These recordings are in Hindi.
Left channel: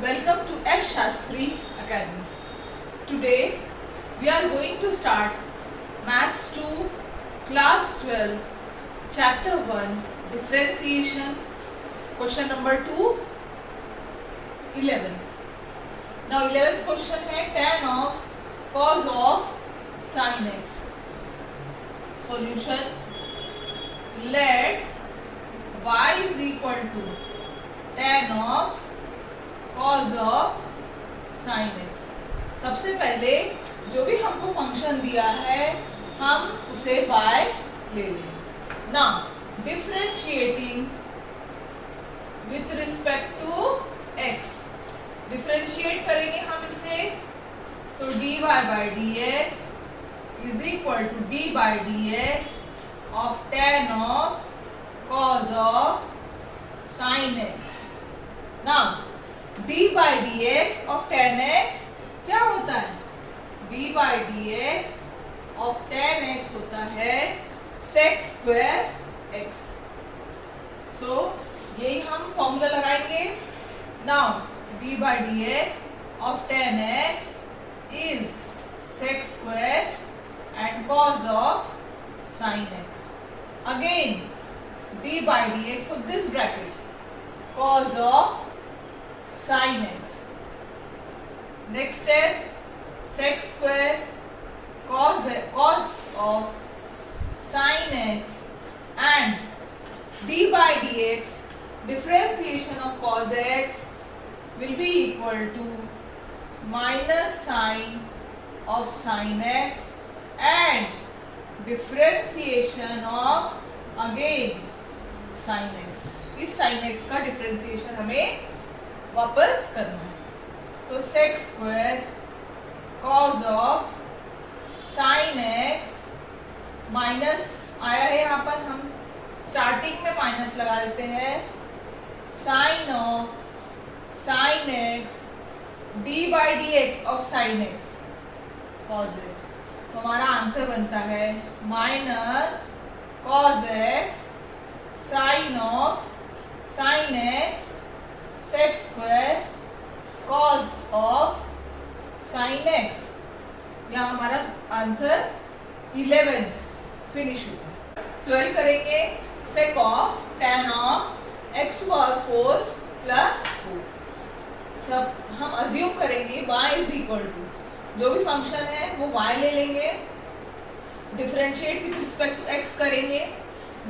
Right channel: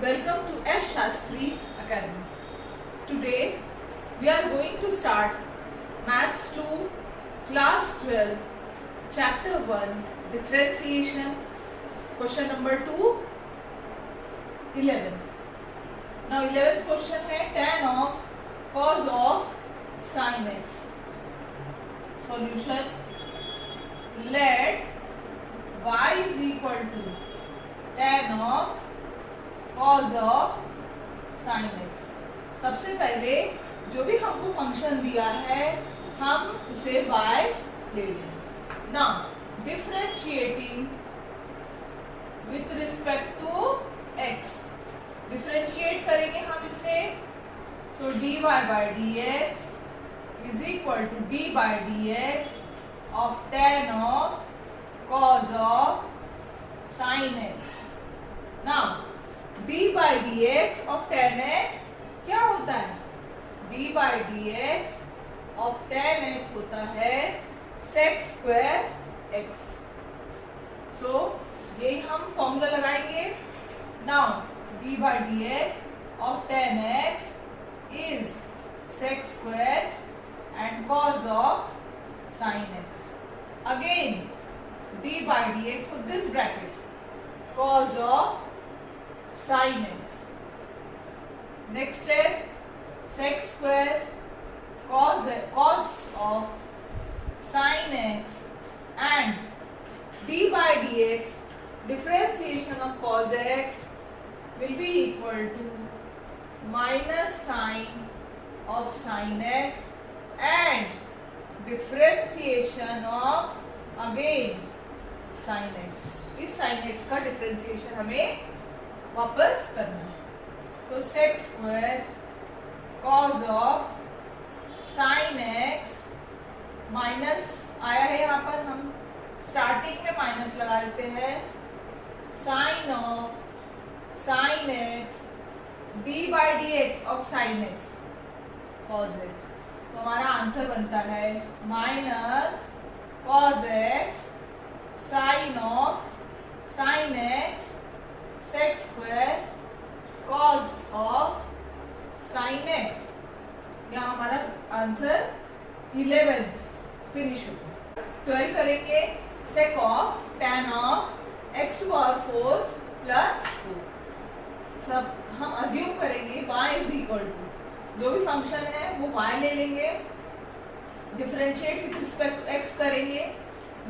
Welcome to S. Shastri Academy. Today we are going to start Maths 2 Class 12 Chapter 1 Differentiation. Question number 2 11th. Now 11th question है tan of cos of sin x. Solution: let y is equal to tan of cos of sin x. सबसे पहले जो भी हमको फंक्शन दिया है हम उसे y ले लें. Now differentiating with respect to x, differentiate करेंगे हम इसे. सो dy by dx is equal to d by dx of tan of cos of sin x. Now d by dx of tan x क्या होता है? d by dx of tan x होता है sec square x. सो यही हम फॉर्मूला लगाएंगे. Now d by dx of tan x is sec square and cos of sin x. Again d by dx of this bracket cos of sin x. Next step, sec square cos of sin x and d by dx differentiation of cos x will be equal to minus sine of sin x and differentiation of again sin x. इस sin x का differentiation हमें वापस करना है. So sec square cos of sin x minus आया है, यहाँ पर हम स्टार्टिंग में माइनस लगा देते हैं. sin of sin x d by dx of sin x cos x. तो हमारा आंसर बनता है minus cos x sin of sin x sec square cos of sin x. यहाँ हमारा आंसर 11th फिनिश हुआ. 12 करेंगे. sec of tan of x to power 4 plus 4. सब हम अज्यूम करेंगे y इज इक्वल टू जो भी फंक्शन है वो y ले लेंगे. Differentiate with respect to x करेंगे.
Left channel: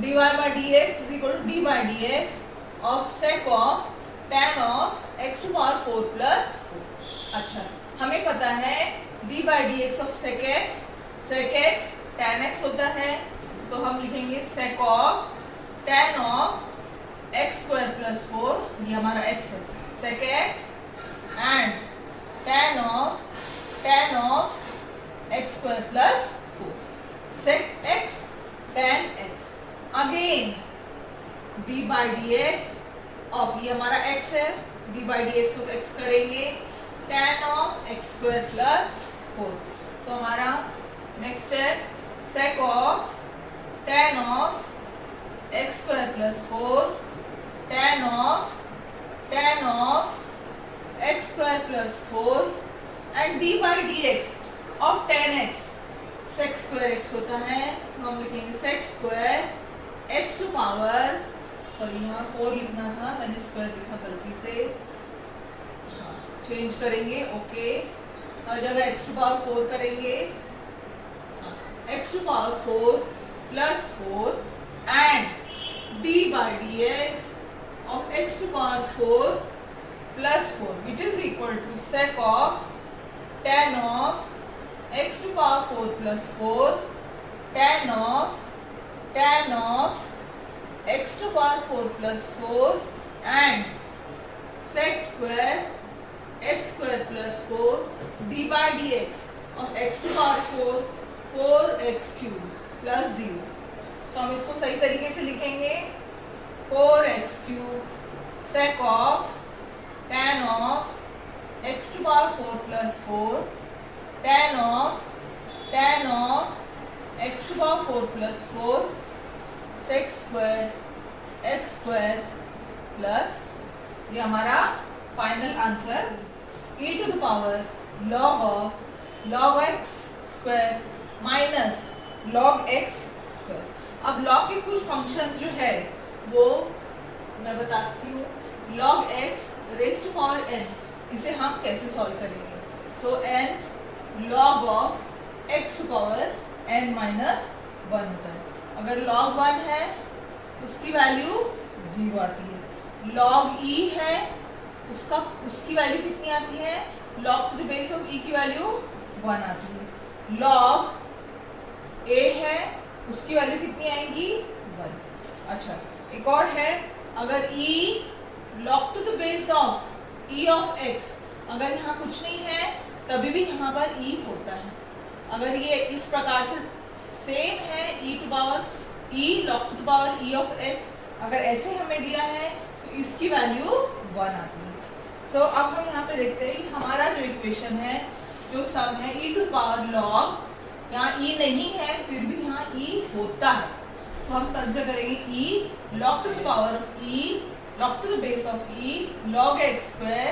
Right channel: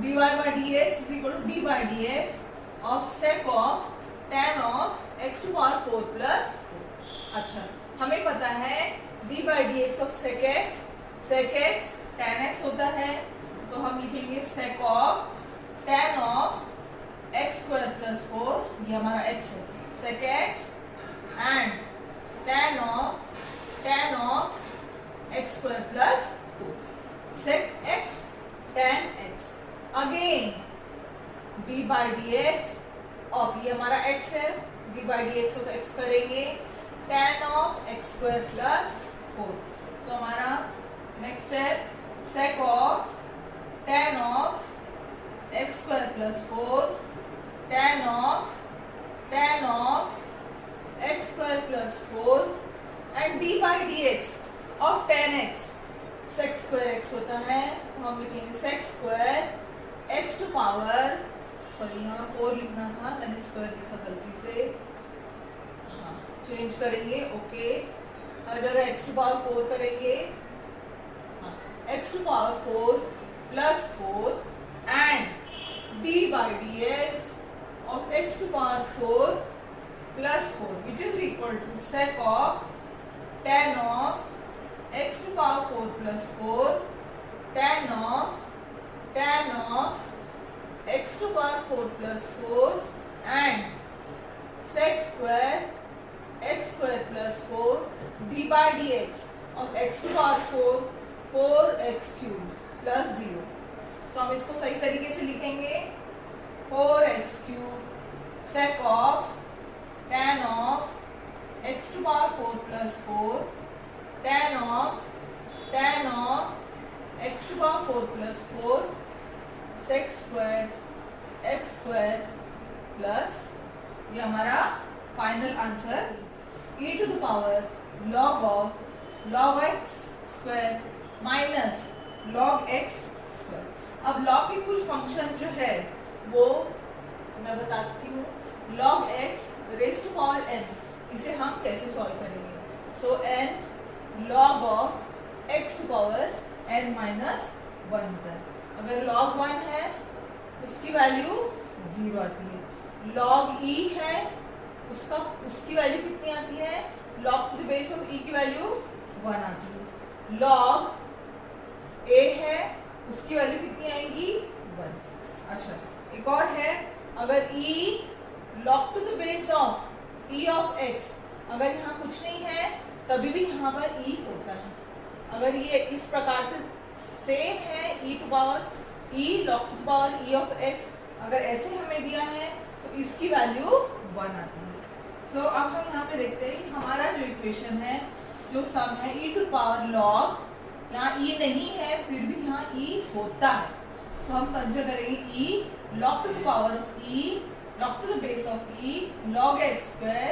dy by dx is equal to d by dx of sec of tan of x to power 4 plus 4. अच्छा, हमें पता है d by dx of sec x tan x होता है, तो हम लिखेंगे sec of tan of x square plus 4, ये हमारा x है, sec x and tan of x square plus 4, sec x tan x. Again d by dx of ये हमारा x है, d by dx of x करेंगे tan of x square plus 4. सो हमारा नेक्स्ट है sec of tan of x square plus 4 tan of x square plus 4 and d by dx of tan x sec square x होता है, तो हम लिखेंगे sec square x to power, sorry यहाँ 4 लिखना था, मैंने स्क्वायर लिखा गलती से, हाँ चेंज करेंगे. ओके, हर जगह x to power 4 करेंगे. x to power 4 plus 4 and d by dx of x to power 4 plus 4 which is equal to sec of tan of x to power 4 plus 4 tan of x to power 4 plus 4 and sec square x square plus 4 d by dx of x to power 4 4x cube plus 0. सो हम इसको सही तरीके से लिखेंगे 4x cube sec of tan of x to power 4 plus 4 tan of x to power 4 plus 4 sec square x square plus ये हमारा final answer e to the power log of log x square minus log x square. अब log के कुछ फंक्शंस जो है वो मैं बताती हूँ। log x raise to power n, इसे हम कैसे सॉल्व करेंगे। So n log of x to power n minus 1 होता है। अगर log 1 है उसकी वैल्यू 0 आती है। log e है उसकी वैल्यू कितनी आती है, log to the base of e की वैल्यू 1 आती है। log a है उसकी वैल्यू कितनी आएगी 1। अच्छा एक और है, अगर e log to the base of e of x, अगर यहाँ कुछ नहीं है तभी भी यहाँ पर e होता है। अगर ये इस प्रकार से सेम है e to power e log to the power e of x, अगर ऐसे हमें दिया है तो इसकी वैल्यू 1 आती है। सो अब हम यहाँ पे देखते हैं कि हमारा जो इक्वेशन है, जो सम है e टू पावर log, यहाँ e नहीं है फिर भी यहाँ e होता है। सो हम कंसिडर करेंगे e log to the power of e log to the base of e log x square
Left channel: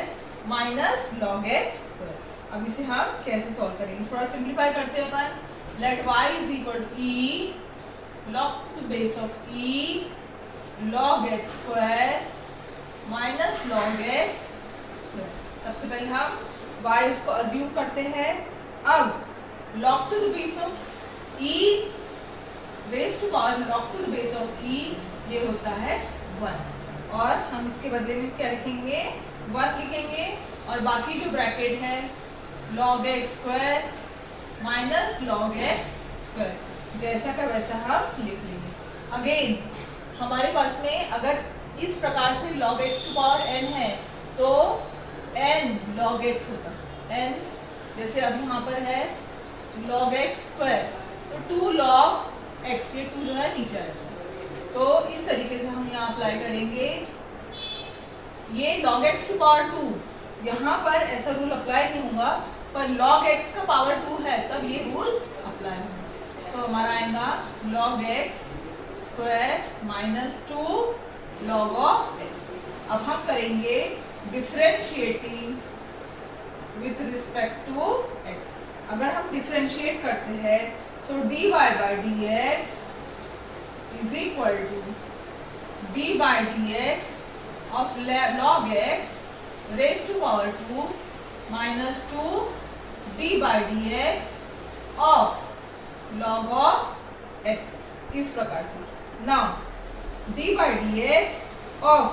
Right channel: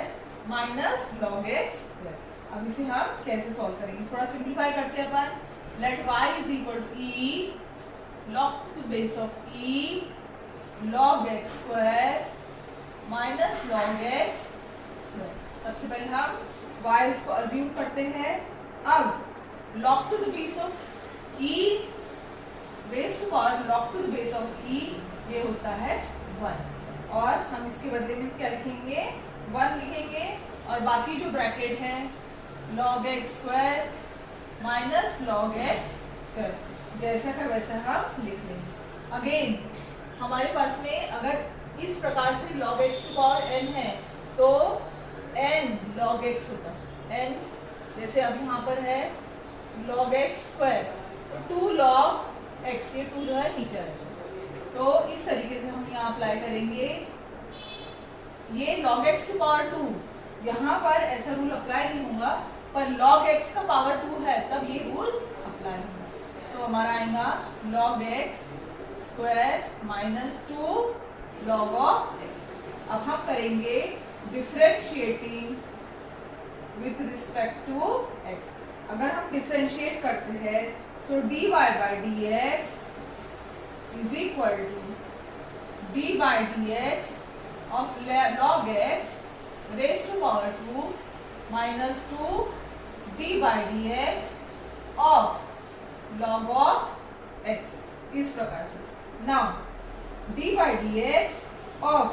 minus log x square. अब इसे हम कैसे सॉल्व करेंगे, थोड़ा सिंप्लीफाई करते हैं अपन। Let y is equal to e log to the base of e log x square minus log x square. सबसे पहले हम y उसको अज्यूम करते हैं। अब log to the base of e raise to power log to the base of e ये होता है 1, और हम इसके बदले में क्या लिखेंगे 1 लिखेंगे, और बाकी जो ब्रैकेट है log x square minus log x square, जैसा का वैसा हम लिख लेंगे। अगेन हमारे पास में अगर इस प्रकार से log x to power n है तो n log x होता है। n जैसे अब यहाँ पर है log x स्क्वायर, तो 2 log x, ये 2 जो है नीचे आ जाता है। तो इस तरीके से हम यहाँ अप्लाई करेंगे। ये log x टू पावर 2, यहाँ पर ऐसा रूल अप्लाई नहीं होगा, पर log x का पावर 2 है तब ये रूल अप्लाई होगा। सो हमारा आएगा log x square minus 2 log of x। अब हम करेंगे differentiating with respect to x। अगर हम डिफरेंशिएट करते हैं so dy by dx is equal to d by dx of log x raise to power 2 minus 2 d by dx of log of x, इस प्रकार से। Now d by dx of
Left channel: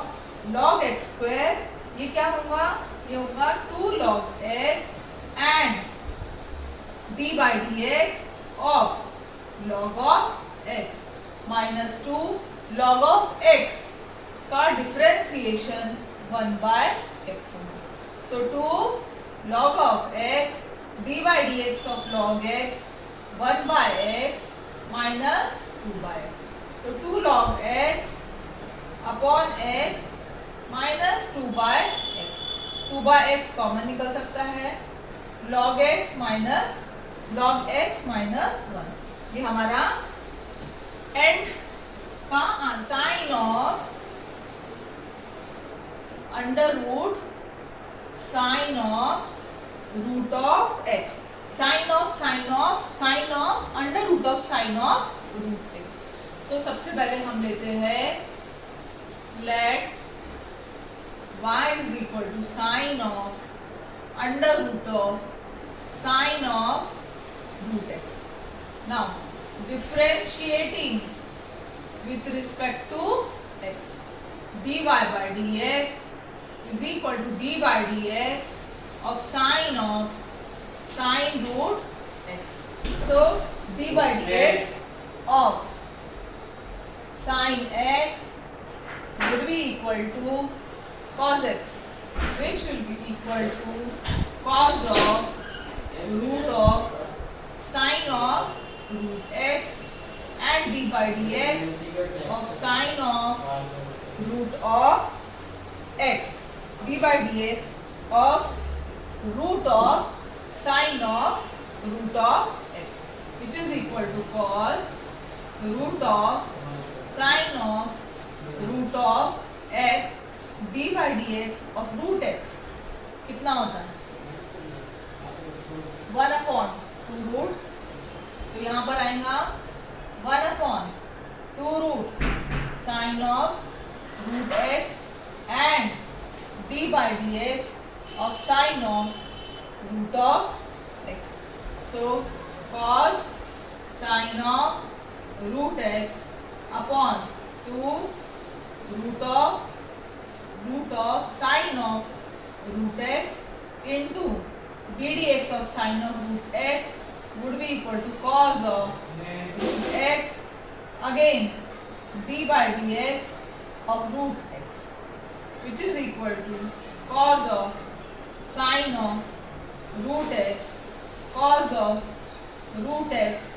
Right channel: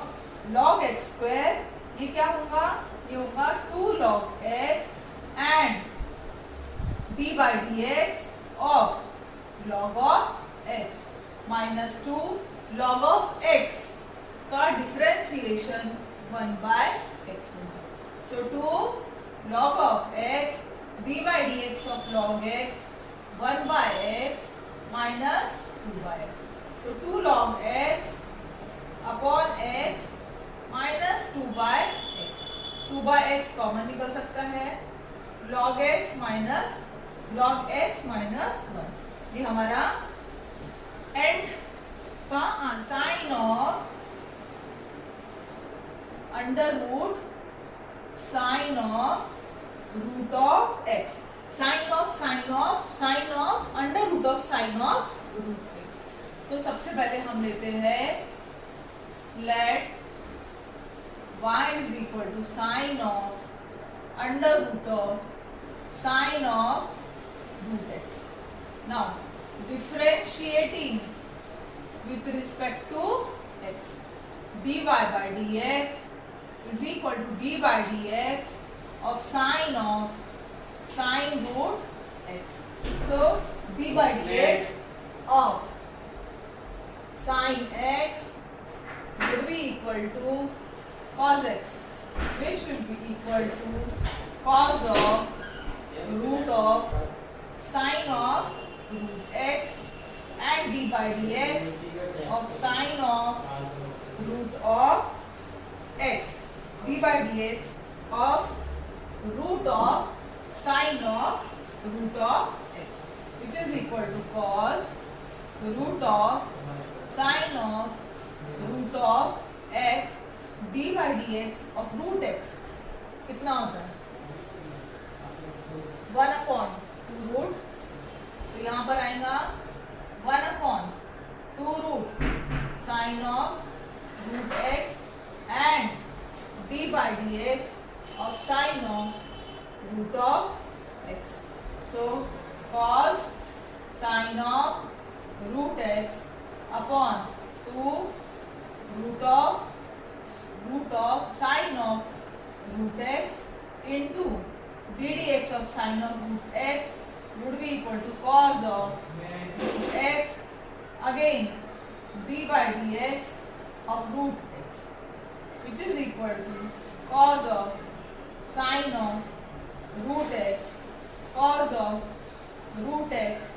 log x square, ये क्या होगा, ये होगा 2 log x and d by dx of log of x minus 2 log of x का डिफरेंशिएशन 1 बाय x होगा। So 2 log of x d by dx of log x 1 by x minus 2 by x। So 2 log x upon x minus 2 by x। 2 by x common निकल सकता है, log x माइनस 1, ये हमारा एंड का sine of under root sine of root of x, sine of under root of sine of root x। तो सबसे पहले हम लेते हैं let y is equal to sine of under root of sine of root x। Now differentiating with respect to x, dy by dx is equal to d by dx of sine root x. So d by dx of sine x would be equal to cos x, which will be equal to cos of root of sine of root x, and d by dx of sine of root of x, d by dx of root of sine of root of x, which is equal to cos root of sine of root of x d by d x of root x कितना होता है 1/2 तो यहाँ पर आएगा 1/2 sine of root x and d by d x of sine of root of x. So cos sine of root x upon 2 root of sine of root x into ddx of sine of root x would be equal to cos of root x again d by dx of root x which is equal to cos of sine of root x cos of root x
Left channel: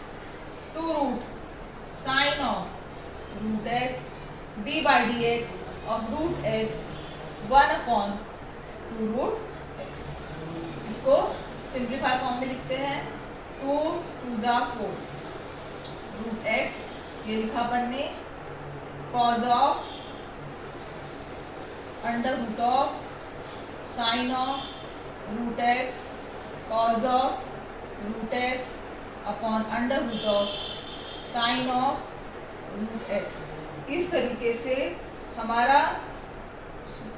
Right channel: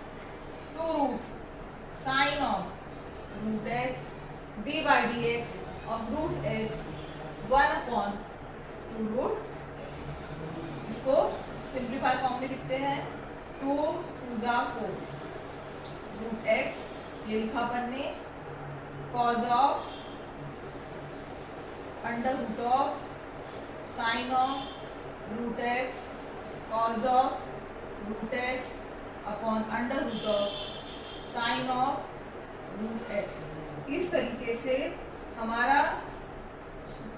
2 root sine of root x d by dx of root x 1/2 root x. इसको सिंप्लीफाई फॉर्म में लिखते हैं 2 2 4 रूट x ये लिखा अपन ने cos of under root of sine of root x cos of root x upon under root of sine of root x. इस तरीके से हमारा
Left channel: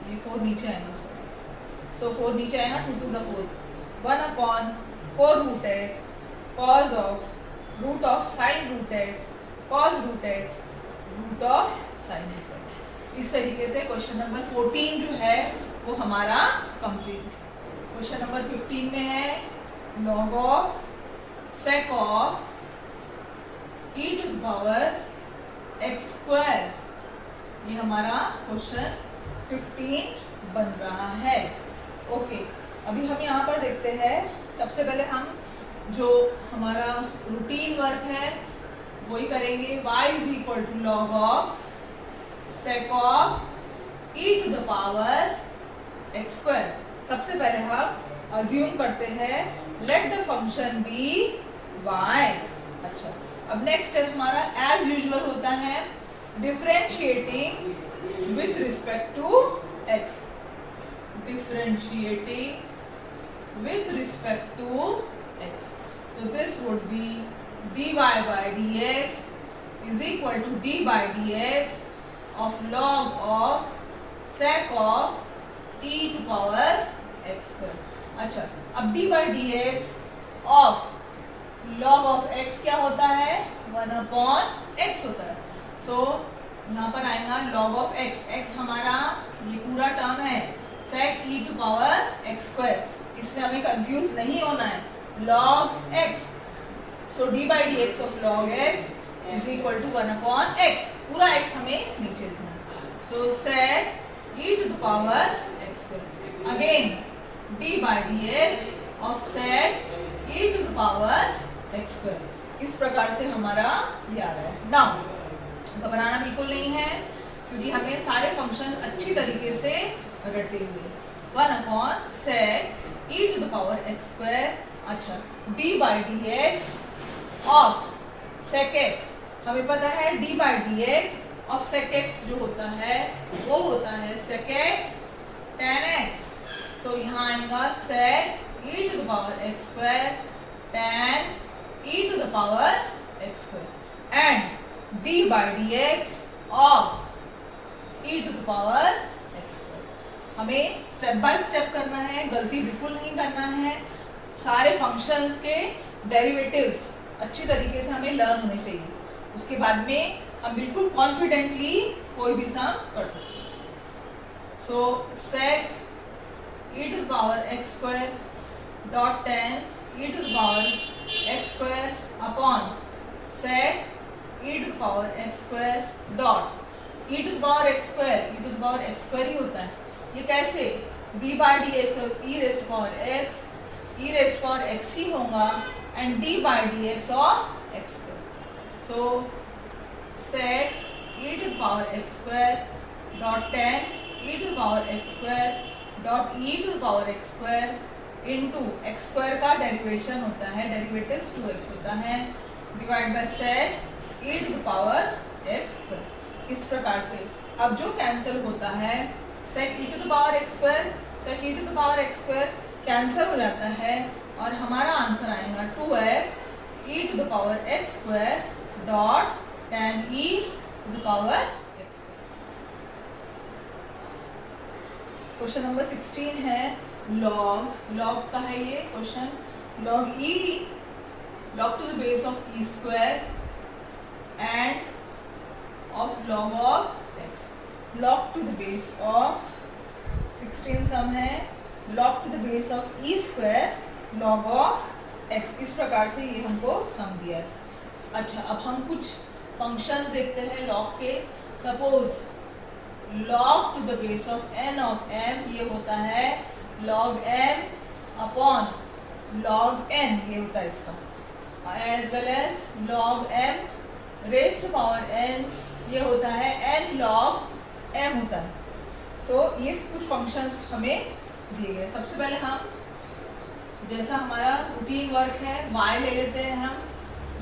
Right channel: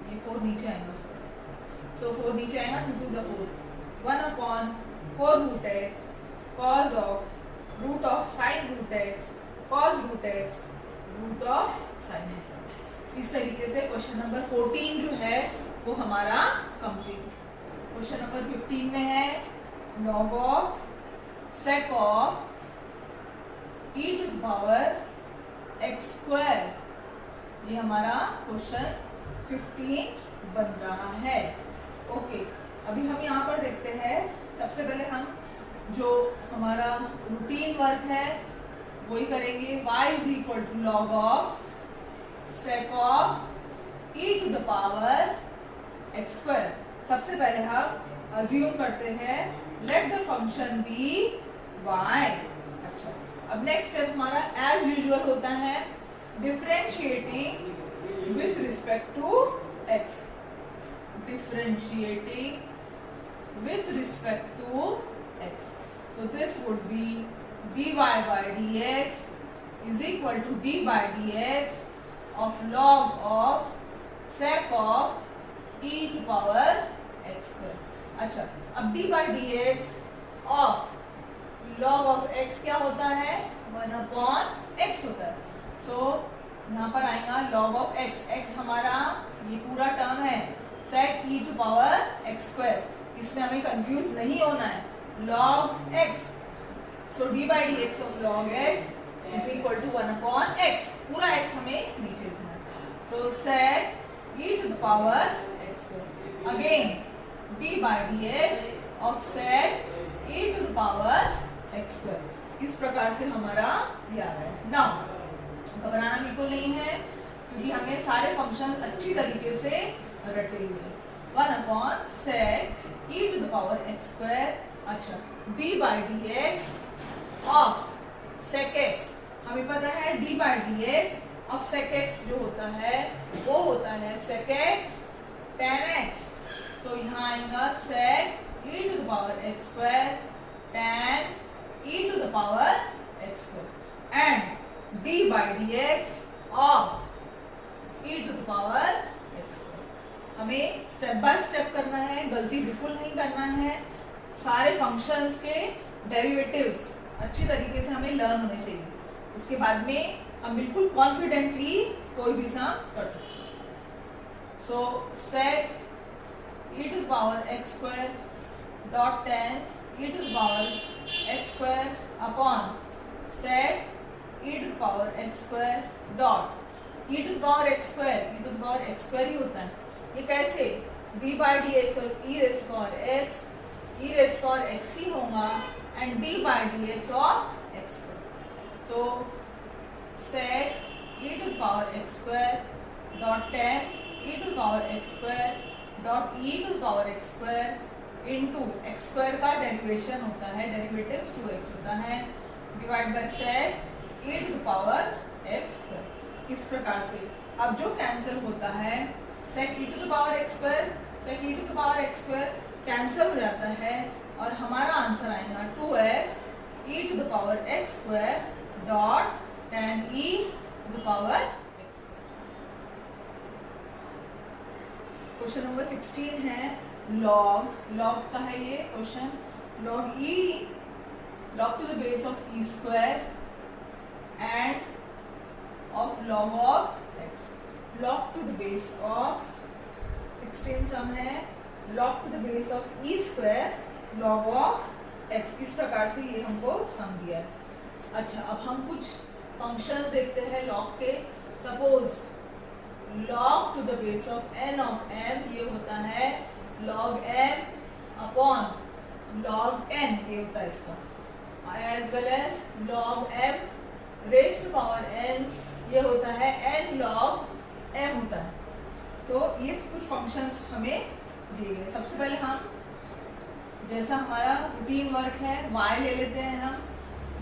ये 4 नीचे आएगा सो 4 नीचे आएगा 2 2 4 1/4 root x cos of root of sine root x cos root x root of sine root x. इस तरीके से क्वेश्चन नंबर 14 जो है वो हमारा कंप्लीट. क्वेश्चन नंबर 15 में है log of sec of e to the power x square. ये हमारा क्वेश्चन 15 बन रहा है. ओके अभी हम यहाँ पर देखते हैं. सबसे पहले हम जो हमारा रूटीन वर्क है वही करेंगे. y is equal to log of sec of e to the power x square. सबसे पहले हम अज्यूम करते हैं let the function be y. अच्छा अब नेक्स्ट स्टेप हमारा एज यूजुअल होता है differentiating with respect to x. differentiating with respect to x. So this would be dy by dx is equal to d by dx of log of sec of e to power x square. अच्छा अब d by dx of log of x क्या होता है 1/x होता है. So यहाँ पर आएगा log of x. x हमारा ये पूरा टर्म है sec e to power x square. इसमें हमें कंफ्यूज नहीं होना है. log x so d by dx of log x is equal to 1/x. पूरा x हमें नीचे लिखना है. so sec e to the power x square again d by dx of sec e to the power x square. इस प्रकार से हमारा ये आ रहा है. नाउ घबराना बिल्कुल नहीं है क्योंकि हमें सारे फंक्शन अच्छी तरीके से रटे हुए. 1/sec e to the power x square. अच्छा d by dx of sec x हमें पता है d by dx of sec x जो होता है वो होता है sec x tan x. so यहाँ आएगा sec e to the power x square tan e to the power x square and d by dx of e to the power x square. हमें स्टेप बाय स्टेप करना है. गलती बिल्कुल नहीं करना है. सारे फंक्शंस के डेरिवेटिव्स अच्छी तरीके से हमें लर्न होने चाहिए. उसके बाद में हम बिल्कुल कॉन्फिडेंटली कोई भी सम कर सकते हैं. सो sec e to the power x square dot tan e to the power x square upon sec e to the power x square dot e to the power x square. e to the power x square ही होता है. ये कैसे d by dx और e raised to power x e raised to power x ही होगा and d by dx of x square. so sec e to the power x square dot tan e to the power x square dot e to the power x square into x square का डेरिवेशन होता है डेरिवेटिव्स 2x होता है divide by sec e to the power x square. इस प्रकार से अब जो कैंसिल होता है sec e to the power x square, sec e to the power x square cancel हो जाता है और हमारा आंसर आएगा 2x e to the power x square dot tan e to the power x square. Question number 16 है log का है ये question. log e log to the base of e square and of log of x, log to the base of 16 सम है log to the base of e square log of x, इस प्रकार से ये हमको सम दिया है। अच्छा, अब हम कुछ फंक्शंस देखते हैं log के। Suppose log to the base of n of m ये होता है log m upon log n, ये होता है इसका, as well as log m raise to power n ये होता है n log m होता है। तो ये कुछ फंक्शंस हमें दिए गए। सबसे पहले हम जैसा हमारा रूटीन वर्क है y ले लेते हैं हम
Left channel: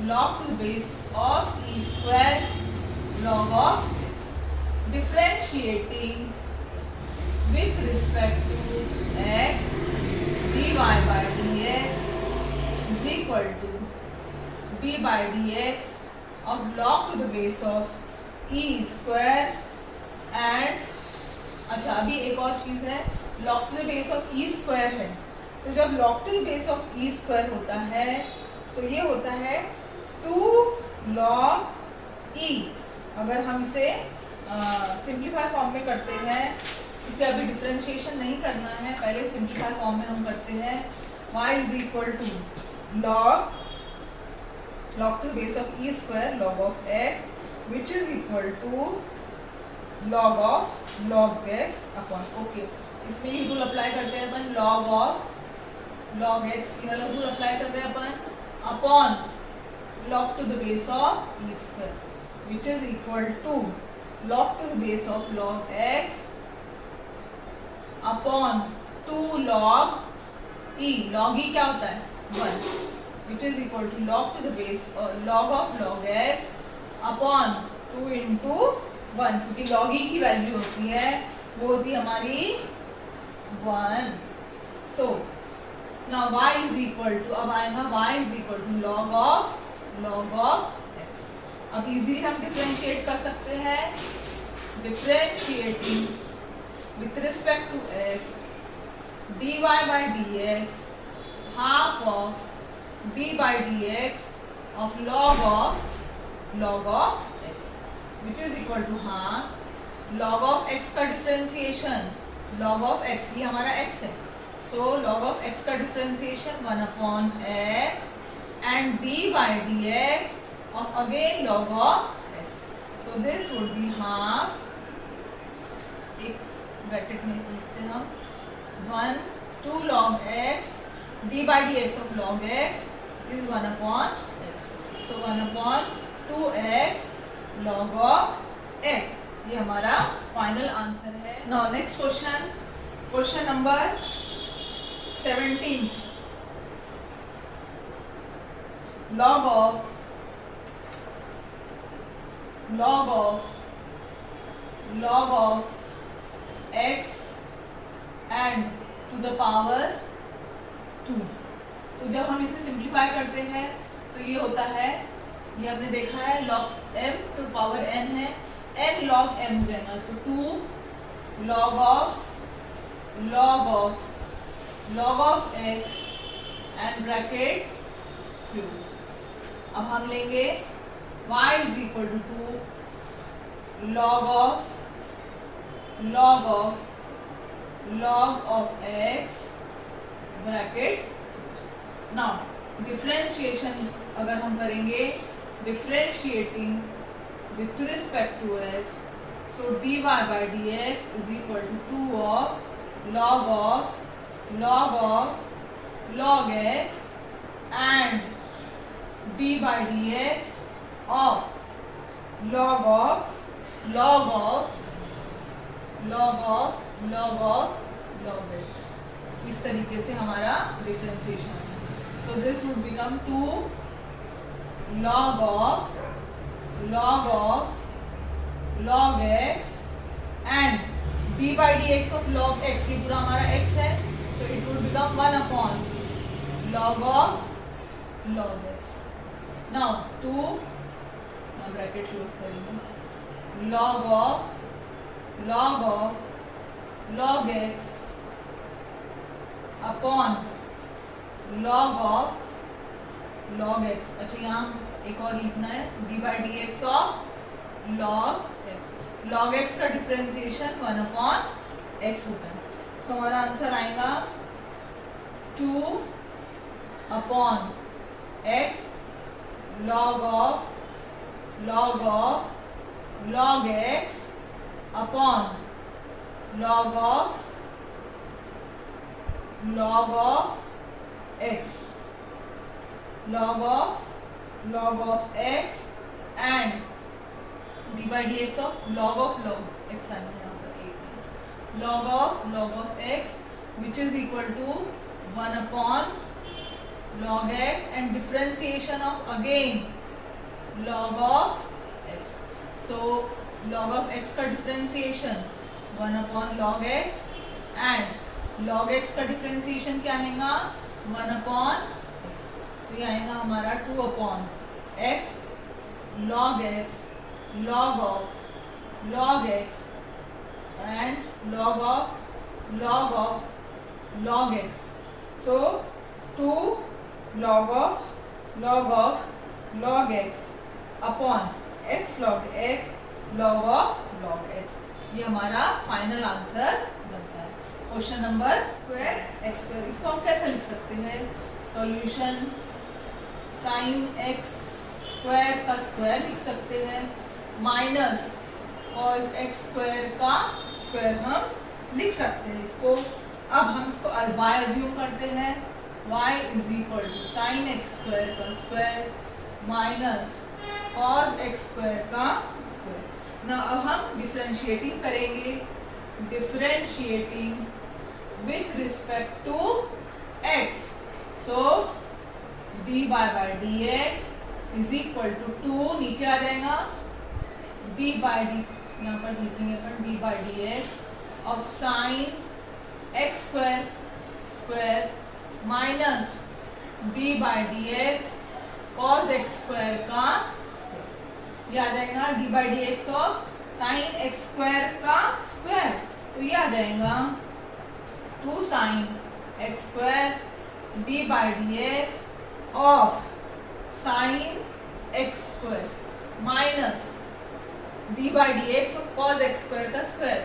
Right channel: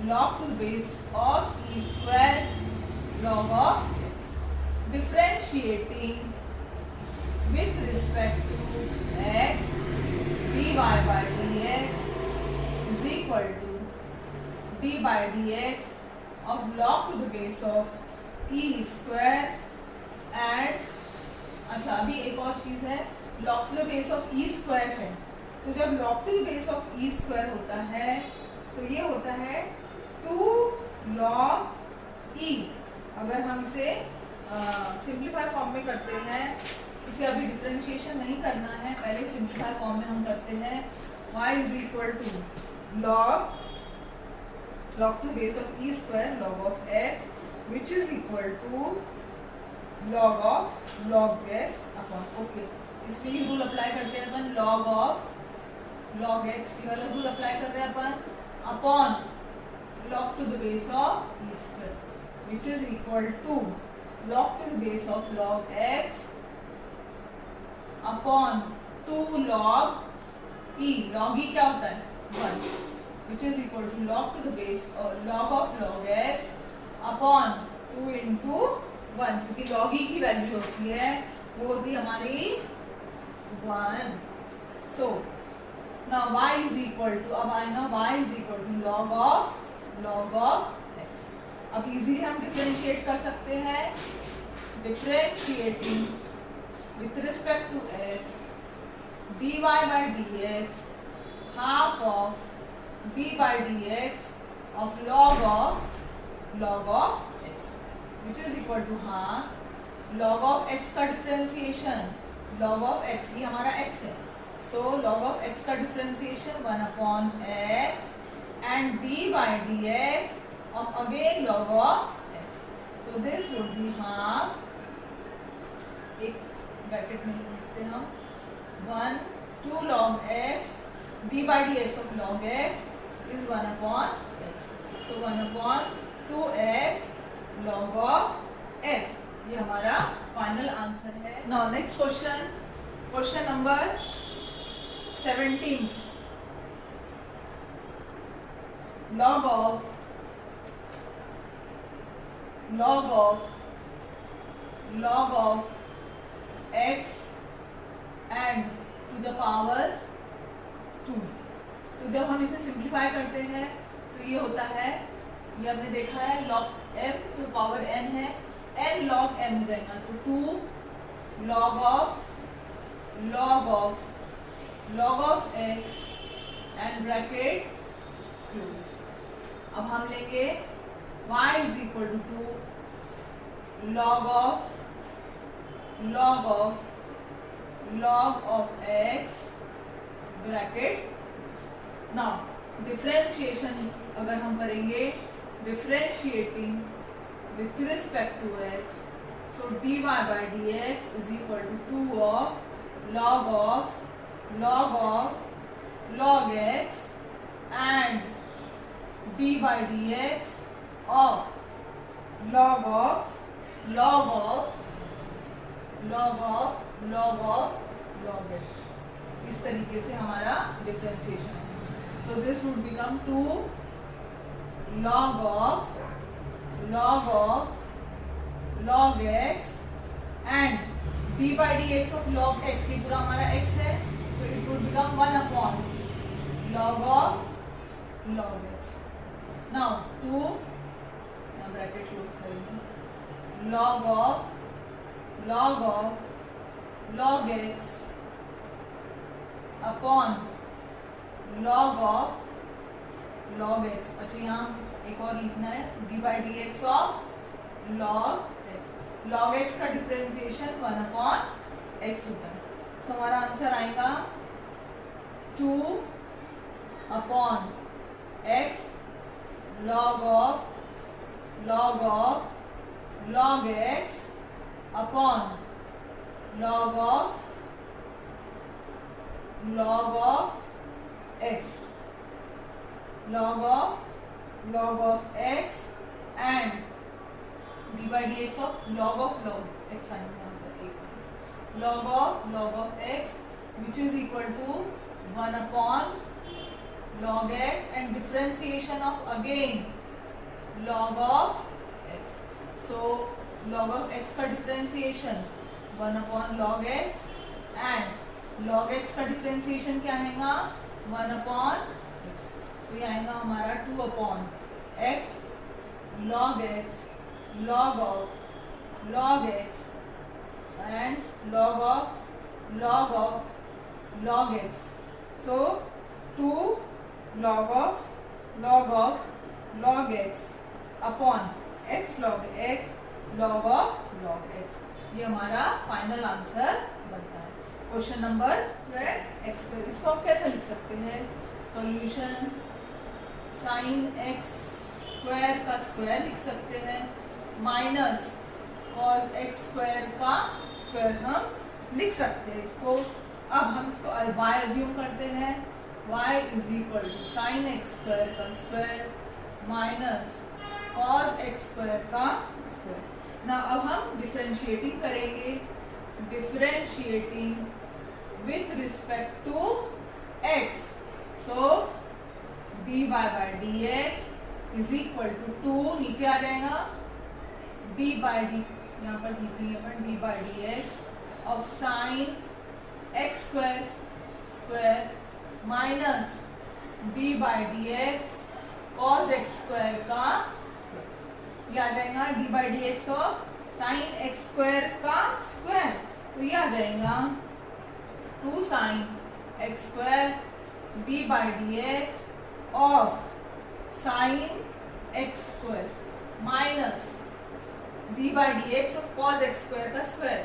log to base of e square log of x, differentiating with respect to x dy by dx is equal to d by dx of log to the base of e square and अच्छा, अभी एक और चीज है log to the base of e square है, तो जब log to the base of e square होता है तो ये होता है 2 log e। अगर हम इसे सिंप्लीफाई फॉर्म में करते हैं, इसे अभी डिफरेंशिएशन नहीं करना है, पहले सिंप्लीफाई फॉर्म में हम करते हैं y is equal to log to the base of e square log of x which is equal to log of log x upon, okay, इसमें ये रूल अप्लाई करते हैं अपन log of log x, ये वाला रूल अप्लाई कर रहे हैं अपन upon log to the base of e square which is equal to log to the base of log x upon 2 log e, log e क्या होता है 1, which is equal to log to the base log of log x upon 2 into 1, क्योंकि log e की वैल्यू होती है वो होती है हमारी 1। So now y is equal to, अब आएगा y is equal to log of x। अब इजीली हम डिफरेंशिएट कर सकते हैं, differentiating with respect to x dy by dx half of d by dx of log of x which is equal to half log of x का डिफरेंशिएशन log of x, ये हमारा x है, so log of x का differentiation 1 upon x and d by dx of again log of x, so this would be half, एक ब्रैकेट में लिखते हैं हम 2 log x d by dx of log x is 1 upon x, so 1 upon 2x log of x, ये हमारा फाइनल आंसर है। Now next question, question number 17 log of x and to the power 2, तो जब हम इसे सिंप्लीफाई करते हैं तो ये होता है, ये हमने देखा है log m to power n है, n log m हो जाएगा, तो 2 log of x and bracket close. अब हम लेंगे y is equal to 2 log of x bracket. Now differentiation अगर हम करेंगे, differentiating with respect to x, so dy by dx is equal to 2 of log x and d by dx of log x, इस तरीके से हमारा डिफरेंशिएशन है। So this would become 2 log x and d by d x of log x, ये पूरा हमारा एक्स है, तो it would become 1 upon log of log x. Now 2, bracket close करेंगे, log of log x upon log of log x. अच्छा यहाँ एक और लिखना है, d by d x of log x. log x का डिफरेंशिएशन 1 अपॉन x होता है. सो हमारा आंसर आएगा 2 upon x log of log x upon log of x, log of x and d by dx of log x आएगा यहाँ पर एक log of x which is equal to 1 upon log x and differentiation of again log of x. So log of x का differentiation 1 upon log x and log x का डिफरेंशिएशन क्या आएगा 1 अपॉन x. तो ये आएगा हमारा 2 upon x log of log x and log of log x. So 2 log of log x upon x log x log of log x. ये हमारा फाइनल आंसर बनता है. Question number square x square, इसको हम कैसे लिख सकते हैं? सॉल्यूशन साइन एक्स स्क्वायर का स्क्वायर लिख सकते हैं माइनस कॉस एक्स स्क्वायर का स्क्वायर हम लिख सकते हैं इसको. अब हम इसको y अज्यूम करते हैं, y is equal to sine x square का square minus cos x square का स्क्वायर. ना अब हम डिफरेंशिएटिंग करेंगे, differentiating with respect to x. So d by d x is equal to 2 नीचे आ जाएगा डी बाई डी, यहाँ पर लिखेंगे अपन d by d x of sine x square square minus d by d x cos x square का स्क्वायर. ये आ जाएगा d by d x of sine x square का स्क्वायर. तो ये आ जाएगा 2 sine x square d by d x of sine x square minus d by d x of cos x square का square.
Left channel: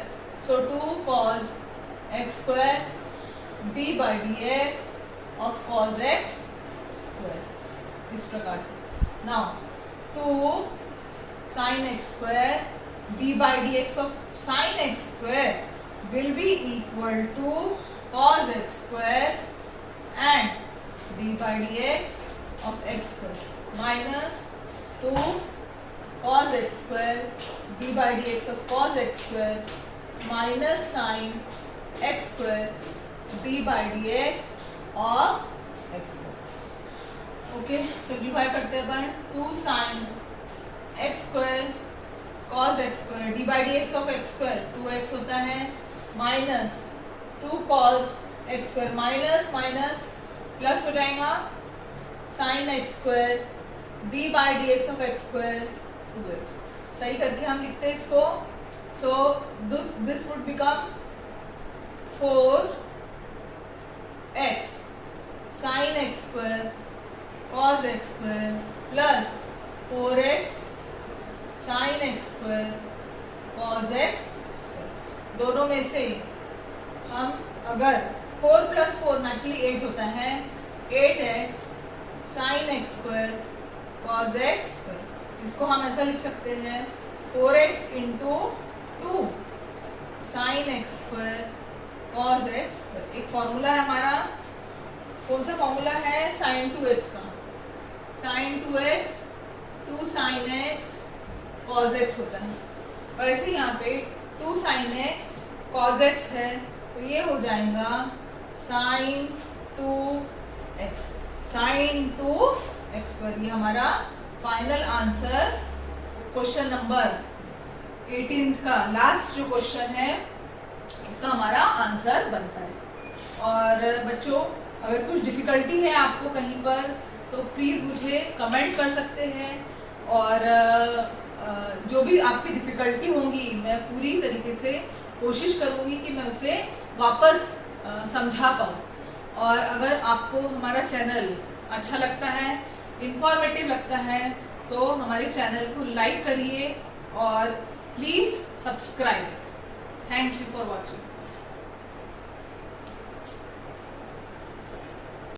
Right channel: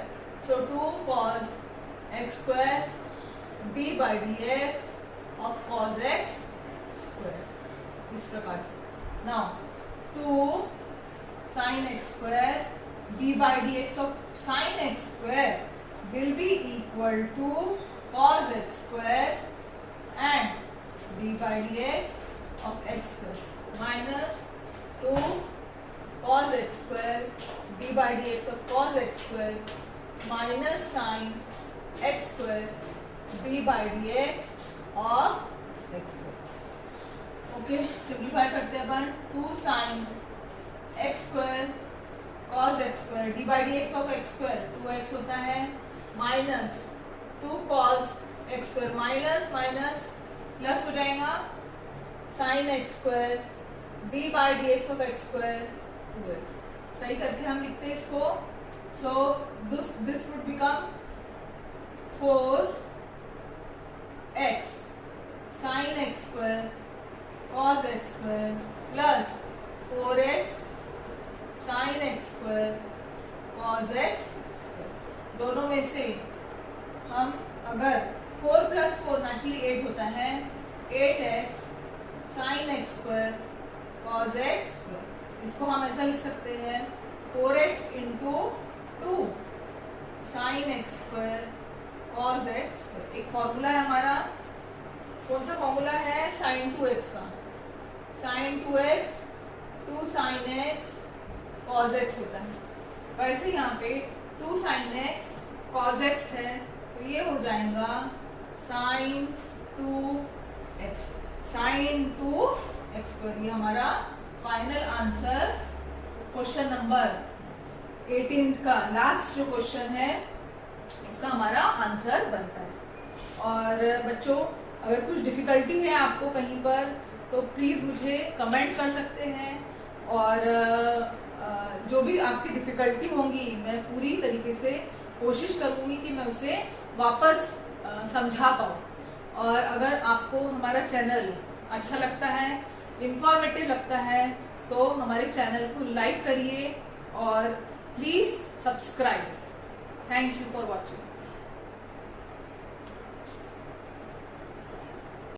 So 2 cos x square d by d x of cos x square, इस प्रकार से. Now 2 sin x square d by dx of sin x square will be equal to cos x square and d by dx of x square minus 2 cos x square d by dx of cos x square minus sin x square d by dx of x square. Okay, simplify करते हैं अपन. 2 sin x square cos x square d by d x of x square 2x होता है minus 2 cos x square minus minus plus हो जाएगा sign x square d by d x of x square 2x. सही करके हम लिखते हैं इसको. सो this would become 4x sign x square cos x square plus 4x sign x square cos x square. दोनों में से हम अगर 4 प्लस 4 नेचुरली 8 होता है, 8x sine x square cos x square. इसको हम ऐसा लिख सकते हैं 4x into 2 sine x square cos x square. एक फॉर्मूला है हमारा, कौन सा फॉर्मूला है? साइन 2x का. Sine 2x 2 sine x cos x होता है. वैसे यहाँ पे 2 साइन एक्स कॉस एक्स है, तो ये हो जाएगा sign 2x sign 2x square. ये हमारा फाइनल आंसर क्वेश्चन नंबर 18 का लास्ट जो क्वेश्चन है उसका हमारा आंसर बनता है। और बच्चों, अगर कुछ डिफ़िकल्टी है आपको कहीं पर तो प्लीज़ मुझे कमेंट कर सकते हैं, और जो भी आपकी डिफ़िकल्टी होंगी मैं पूरी तरीके से कोशिश करूँगी कि मैं उसे वापस समझा पाऊँ। और अगर आपको हमारा चैनल अच्छा लगता है, इन्फॉर्मेटिव लगता है, तो हमारे चैनल को लाइक करिए और please subscribe. Thank you for watching.